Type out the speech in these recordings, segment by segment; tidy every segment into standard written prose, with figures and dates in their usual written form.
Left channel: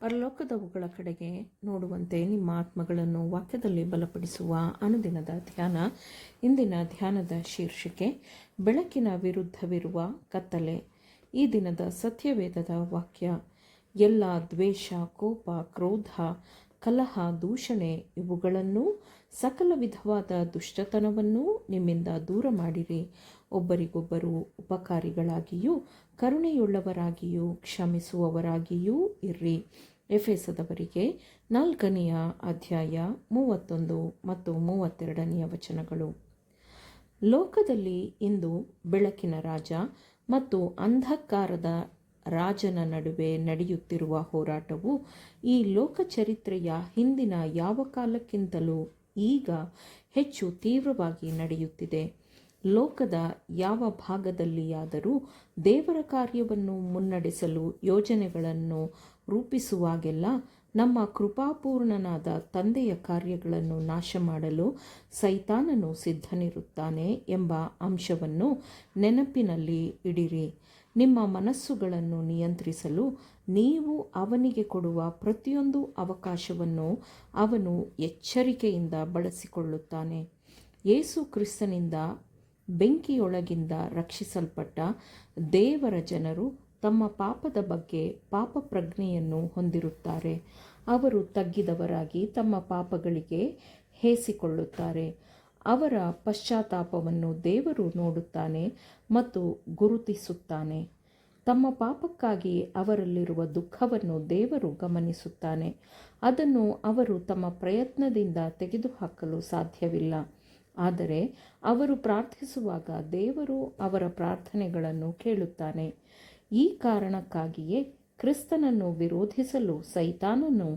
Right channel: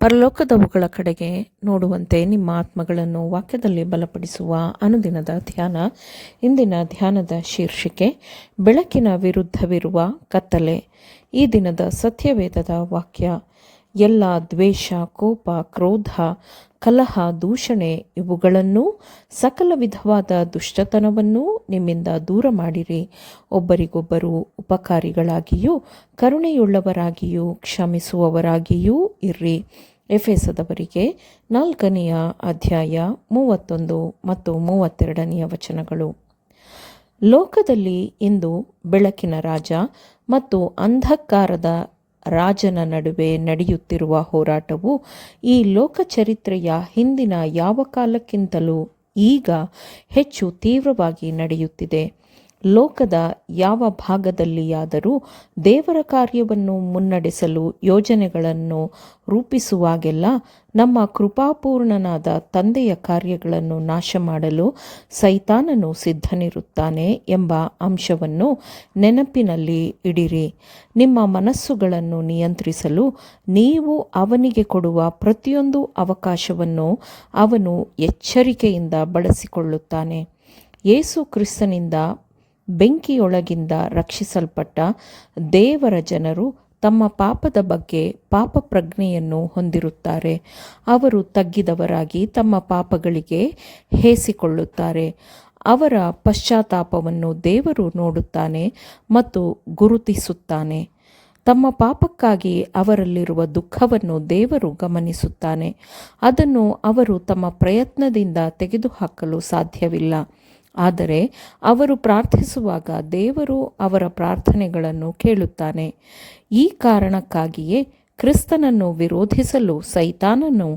ಪರಲೋಕದವುಗಳ ಕಡೆಗೆ ನೋಡುವಂತೆ ನಿಮ್ಮ ಆತ್ಮಗಳನ್ನು ವಾಕ್ಯದಲ್ಲಿ ಬಲಪಡಿಸುವ ಅನುದಿನದ ಧ್ಯಾನ. ಇಂದಿನ ಧ್ಯಾನದ ಶೀರ್ಷಿಕೆ ಬೆಳಕಿನ ವಿರುದ್ಧವಿರುವ ಕತ್ತಲೆ. ಈ ದಿನದ ಸತ್ಯವೇದದ ವಾಕ್ಯ: ಎಲ್ಲ ದ್ವೇಷ, ಕೋಪ, ಕ್ರೋಧ, ಕಲಹ, ದೂಷಣೆ ಇವುಗಳನ್ನೂ ಸಕಲ ವಿಧವಾದ ದುಷ್ಟತನವನ್ನೂ ನಿಮ್ಮಿಂದ ದೂರ ಮಾಡಿರಿ. ಒಬ್ಬರಿಗೊಬ್ಬರು ಉಪಕಾರಿಗಳಾಗಿಯೂ ಕರುಣೆಯುಳ್ಳವರಾಗಿಯೂ ಕ್ಷಮಿಸುವವರಾಗಿಯೂ ಇರ್ರಿ. ಎಫೆಸದವರಿಗೆ 4ನೇ ಅಧ್ಯಾಯ 31 ಮತ್ತು 32ನೇ ವಚನಗಳು. ಲೋಕದಲ್ಲಿ ಇಂದು ಬೆಳಕಿನ ರಾಜ ಮತ್ತು ಅಂಧಕಾರದ ರಾಜನ ನಡುವೆ ನಡೆಯುತ್ತಿರುವ ಹೋರಾಟವು ಈ ಲೋಕಚರಿತ್ರೆಯ ಹಿಂದಿನ ಯಾವ ಕಾಲಕ್ಕಿಂತಲೂ ಈಗ ಹೆಚ್ಚು ತೀವ್ರವಾಗಿ ನಡೆಯುತ್ತಿದೆ. ಲೋಕದ ಯಾವ ಭಾಗದಲ್ಲಿಯಾದರೂ ದೇವರ ಕಾರ್ಯವನ್ನು ಮುನ್ನಡೆಸಲು ಯೋಜನೆಗಳನ್ನು ರೂಪಿಸುವಾಗೆಲ್ಲ ನಮ್ಮ ಕೃಪಾಪೂರ್ಣನಾದ ತಂದೆಯ ಕಾರ್ಯಗಳನ್ನು ನಾಶ ಮಾಡಲು ಸೈತಾನನು ಸಿದ್ಧನಿರುತ್ತಾನೆ ಎಂಬ ಅಂಶವನ್ನು ನೆನಪಿನಲ್ಲಿ ಇಡಿರಿ. ನಿಮ್ಮ ಮನಸ್ಸುಗಳನ್ನು ನಿಯಂತ್ರಿಸಲು ನೀವು ಅವನಿಗೆ ಕೊಡುವ ಪ್ರತಿಯೊಂದು ಅವಕಾಶವನ್ನು ಅವನು ಎಚ್ಚರಿಕೆಯಿಂದ ಬಳಸಿಕೊಳ್ಳುತ್ತಾನೆ. ಯೇಸು ಕ್ರಿಸ್ತನಿಂದ ಬೆಂಕಿಯೊಳಗಿಂದ ರಕ್ಷಿಸಲ್ಪಟ್ಟ ದೇವರ ಜನರು ತಮ್ಮ ಪಾಪದ ಬಗ್ಗೆ ಪಾಪ ಪ್ರಜ್ಞೆಯನ್ನು ಹೊಂದಿರುತ್ತಾರೆ. ಅವರು ತಗ್ಗಿದವರಾಗಿ ತಮ್ಮ ಪಾಪಗಳಿಗೆ ಹೇಸಿಕೊಳ್ಳುತ್ತಾರೆ. ಅವರ ಪಶ್ಚಾತ್ತಾಪವನ್ನು ದೇವರು ನೋಡುತ್ತಾನೆ ಮತ್ತು ಗುರುತಿಸುತ್ತಾನೆ. ತಮ್ಮ ಪಾಪಕ್ಕಾಗಿ ಅವರಲ್ಲಿರುವ ದುಃಖವನ್ನು ದೇವರು ಗಮನಿಸುತ್ತಾನೆ. ಅದನ್ನು ಅವರು ತಮ್ಮ ಪ್ರಯತ್ನದಿಂದ ತೆಗೆದುಹಾಕಲು ಸಾಧ್ಯವಿಲ್ಲ. ಆದರೆ ಅವರು ಪ್ರಾರ್ಥಿಸುವಾಗ ದೇವರು ಅವರ ಪ್ರಾರ್ಥನೆಗಳನ್ನು ಕೇಳುತ್ತಾನೆ. ಈ ಕಾರಣಕ್ಕಾಗಿಯೇ ಕ್ರಿಸ್ತನನ್ನು ವಿರೋಧಿಸಲು ಸೈತಾನನು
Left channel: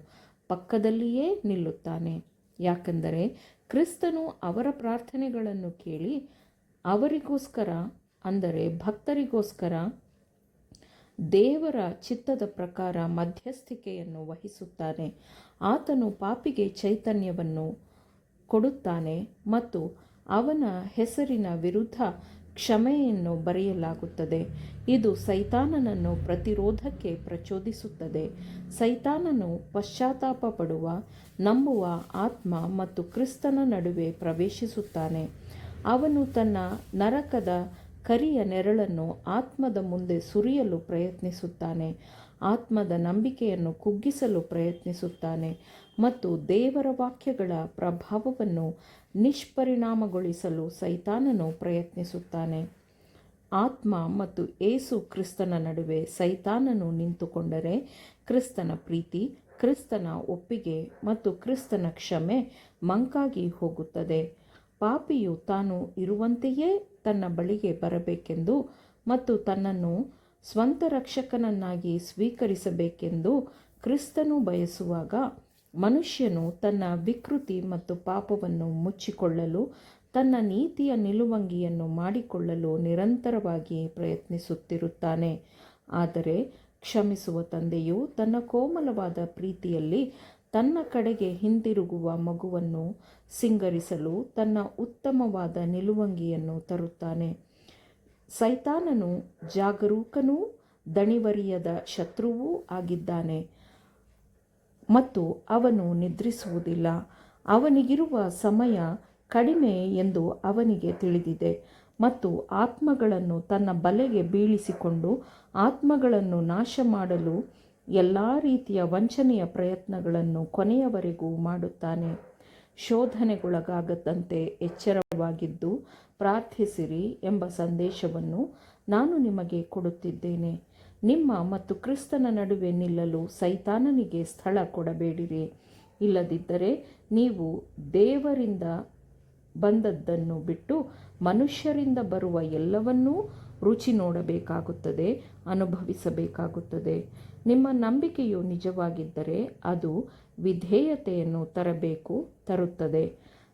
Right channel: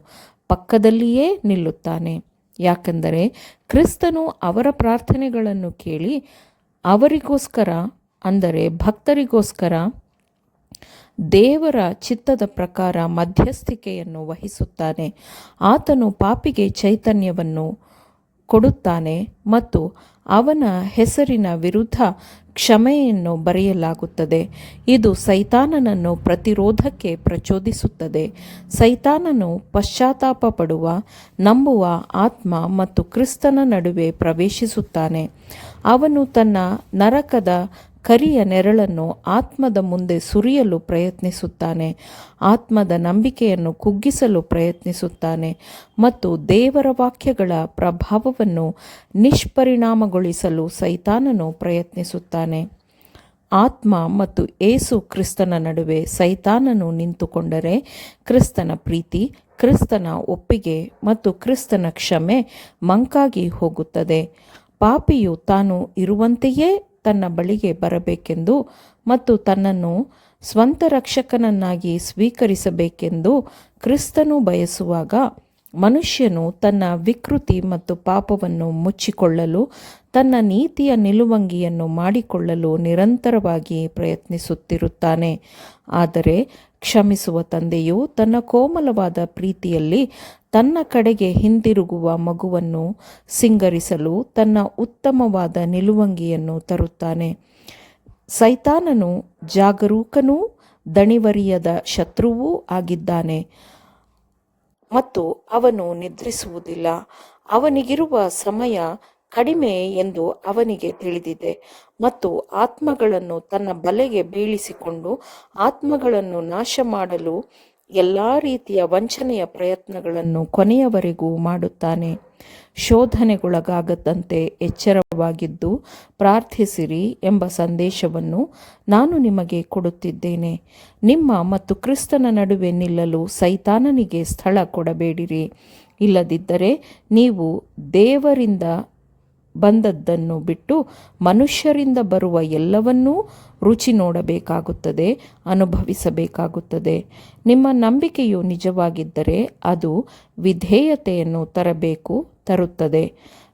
ಪಕ್ಕದಲ್ಲಿಯೇ ನಿಲ್ಲುತ್ತಾನೆ. ಯಾಕೆಂದರೆ ಕ್ರಿಸ್ತನು ಅವರ ಪ್ರಾರ್ಥನೆಗಳನ್ನು ಕೇಳಿ ಅವರಿಗೋಸ್ಕರ, ಅಂದರೆ ಭಕ್ತರಿಗೋಸ್ಕರ ದೇವರ ಚಿತ್ತದ ಪ್ರಕಾರ ಮಧ್ಯಸ್ಥಿಕೆಯನ್ನು ವಹಿಸುತ್ತಾನೆ. ಆತನು ಪಾಪಿಗೆ ಚೈತನ್ಯವನ್ನು ಕೊಡುತ್ತಾನೆ ಮತ್ತು ಅವನ ಹೆಸರಿನ ವಿರುದ್ಧ ಕ್ಷಮೆಯನ್ನು ಬರೆಯಲಾಗುತ್ತದೆ. ಇದು ಸೈತಾನನನ್ನು ಪ್ರತಿರೋಧಕ್ಕೆ ಪ್ರಚೋದಿಸುತ್ತದೆ. ಸೈತಾನನು ಪಶ್ಚಾತ್ತಾಪ ಪಡುವ, ನಂಬುವ ಆತ್ಮ ಮತ್ತು ಕ್ರಿಸ್ತನ ನಡುವೆ ಪ್ರವೇಶಿಸುತ್ತಾನೆ. ಅವನು ತನ್ನ ನರಕದ ಕರಿಯ ನೆರಳನ್ನು ಆತ್ಮದ ಮುಂದೆ ಸುರಿಯಲು ಪ್ರಯತ್ನಿಸುತ್ತಾನೆ. ಆತ್ಮದ ನಂಬಿಕೆಯನ್ನು ಕುಗ್ಗಿಸಲು ಪ್ರಯತ್ನಿಸುತ್ತಾನೆ ಮತ್ತು ದೇವರ ವಾಕ್ಯಗಳ ಪ್ರಭಾವವನ್ನು ನಿಷ್ಪರಿಣಾಮಗೊಳಿಸಲು ಸೈತಾನನು ಪ್ರಯತ್ನಿಸುತ್ತಾನೆ. ಆತ್ಮ ಮತ್ತು ಏಸು ಕ್ರಿಸ್ತನ ನಡುವೆ ಸೈತಾನನು ನಿಂತುಕೊಂಡರೆ ಕ್ರಿಸ್ತನ ಪ್ರೀತಿ, ಕ್ರಿಸ್ತನ ಒಪ್ಪಿಗೆ ಮತ್ತು ಕ್ರಿಸ್ತನ ಕ್ಷಮೆ ಮಂಕಾಗಿ ಹೋಗುತ್ತದೆ. ಪಾಪಿಯು ತಾನು ಇರುವಂತೆಯೇ ತನ್ನ ಬಳಿಗೆ ಬರಬೇಕೆಂದು ಮತ್ತು ತನ್ನನ್ನು ಸ್ವಂತ ರಕ್ಷಕನನ್ನಾಗಿ ಸ್ವೀಕರಿಸಬೇಕೆಂದು ಕ್ರಿಸ್ತನು ಬಯಸುವಾಗ, ಮನುಷ್ಯನು ತನ್ನ ವಿಕೃತಿ ಮತ್ತು ಪಾಪವನ್ನು ಮುಚ್ಚಿಕೊಳ್ಳಲು ತನ್ನ ನೀತಿಯ ನಿಲುವಂಗಿಯನ್ನು ಮಾಡಿಕೊಳ್ಳಲು ನಿರಂತರವಾಗಿ ಪ್ರಯತ್ನಿಸುತ್ತಿರುತ್ತಾನೆ. ಆದರೆ ಕ್ಷಮಿಸುವ ತಂದೆಯು ತನ್ನ ಕೋಮಲವಾದ ಪ್ರೀತಿಯಲ್ಲಿ ತನ್ನ ಕಡೆಗೆ ಹಿಂದಿರುಗುವ ಮಗುವನ್ನು ಸಿಂಗರಿಸಲು ತನ್ನ ಉತ್ತಮವಾದ ನಿಲುವಂಗಿಯನ್ನು ತರುತ್ತಾನೆ. ಸೈತಾನನು ಜಾಗರೂಕನೂ ದಣಿವರಿಯದ ಶತ್ರುವೂ ಆಗಿದ್ದಾನೆ ಮತ್ತು ಅವನು ನಿದ್ರಿಸುವುದಿಲ್ಲ. ಅವನಿಗಿರುವ ಸಮಯ ಕಡಿಮೆ ಎಂದು ಅವನಿಗೆ ತಿಳಿದಿದೆ ಮತ್ತು ಆತ್ಮಗಳನ್ನು ತನ್ನ ಬಲೆಗೆ ಬೀಳಿಸಿಕೊಂಡು ಆತ್ಮಗಳನ್ನು ನಾಶ ಮಾಡಲು ಎಲ್ಲ ರೀತಿಯ ವಂಚನೆಯ ಪ್ರಯತ್ನಗಳನ್ನು ಕೊನೆಯವರೆಗೂ ಮಾಡುತ್ತಾನೆ. ಶೋಧನೆಗೊಳಗಾಗದಂತೆ ಎಚ್ಚರವಾಗಿದ್ದು ಪ್ರಾರ್ಥಿಸಿರಿ ಎಂಬ ಸಂದೇಶವನ್ನು ನಾನು ನಿಮಗೆ ಕೊಡುತ್ತಿದ್ದೇನೆ. ನಿಮ್ಮ ಮತ್ತು ಕ್ರಿಸ್ತನ ನಡುವೆ ನಿಲ್ಲಲು ಸೈತಾನನಿಗೆ ಸ್ಥಳ ಕೊಡಬೇಡಿರಿ. ಇಲ್ಲದಿದ್ದರೆ ನೀವು ದೇವರಿಂದ ಬಂದದ್ದನ್ನು ಬಿಟ್ಟು ಮನುಷ್ಯರಿಂದ ಬರುವ ಎಲ್ಲವನ್ನೂ ರುಚಿ ನೋಡಬೇಕಾಗುತ್ತದೆ, ಅನುಭವಿಸಬೇಕಾಗುತ್ತದೆ. ನಿಮ್ಮ ನಂಬಿಕೆಯು ನಿಜವಾಗಿದ್ದರೆ ಅದು ವಿಧೇಯತೆಯನ್ನು ತರುತ್ತದೆ.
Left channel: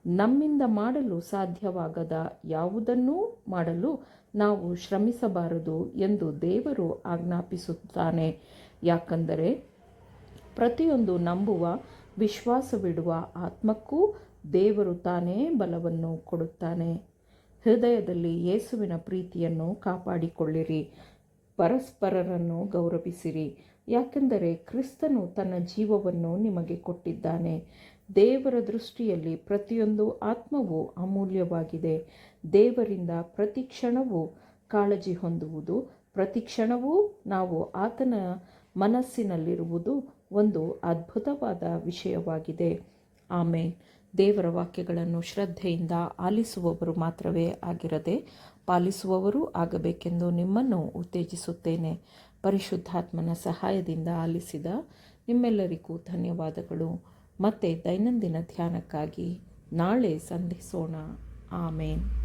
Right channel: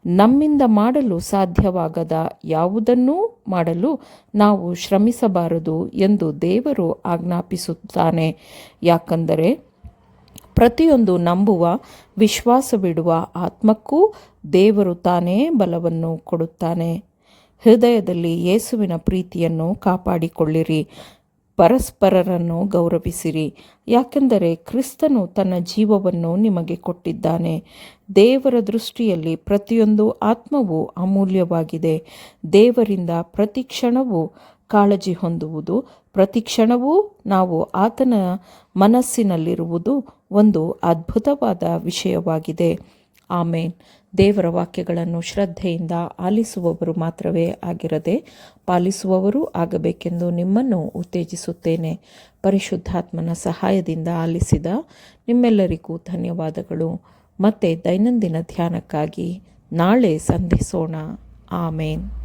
ನಮ್ಮಿಂದ ಮಾಡಲು ಸಾಧ್ಯವಾಗದ ಯಾವುದನ್ನೂ ಮಾಡಲು ನಾವು ಶ್ರಮಿಸಬಾರದು ಎಂದು ದೇವರು ಆಜ್ಞಾಪಿಸುತ್ತಾನೆ. ಯಾಕಂದರೆ ಪ್ರತಿಯೊಂದು ನಂಬುವ, ವಿಶ್ವಾಸವಿಡುವ ಆತ್ಮಕ್ಕೂ ದೇವರು ತಾನೇ ಬಲವನ್ನು ಕೊಡುತ್ತಾನೆ. ಹೃದಯದಲ್ಲಿ ಯೇಸುವಿನ ಪ್ರೀತಿಯನ್ನು ಕಾಪಾಡಿಕೊಳ್ಳಿರಿ. ಪರಸ್ಪರರನ್ನು ಗೌರವಿಸಿರಿ, ಯಾಕೆಂದರೆ ಕ್ರಿಸ್ತನು ತನ್ನ ಜೀವವನ್ನು ನಿಮಗೆ ಕೊಟ್ಟಿದ್ದಾನೆ. ದೇವರ ದೃಷ್ಟಿಯಲ್ಲಿ ಪ್ರತಿಯೊಂದು ಆತ್ಮವು ಅಮೂಲ್ಯವಾಗಿದೆ. ದೇವರಿಂದ ಪ್ರತಿ ಕ್ಷಣವೂ ಕಾಳಜಿ ಹೊಂದುವುದು, ಪ್ರತಿ ಕ್ಷಣವೂ ನಾವು ಆತನ ಮನಸ್ಸಿನಲ್ಲಿರುವುದು ಒಂದು ಅದ್ಭುತವಾದ ವಿಷಯವಾಗಿದೆ. ಆಮೇನ್. ದೇವರ ವಾಕ್ಯಗಳನ್ನು ಶ್ರದ್ಧೆಯಿಂದ ಆಲಿಸುವವರು ಮಾತ್ರವೇ ಆಗಿರದೆ ಪಾಲಿಸುವವರೂ ಆಗಬೇಕೆಂದು ನಿಮ್ಮನ್ನು ಉತ್ತೇಜಿಸುತ್ತೇನೆ. ಪರಿಶುದ್ಧಾತ್ಮನ ಸಹಾಯದಿಂದ ಆಲಿಸಿದ ನಿಮ್ಮೆಲ್ಲರಿಗೂ ಧನ್ಯವಾದಗಳು. ಮತ್ತೆ ದೈನಂದಿನ ಧ್ಯಾನಕ್ಕಾಗಿ ನಾಳೆ ಸಂಧಿಸೋಣ. ಆಮೇನ್.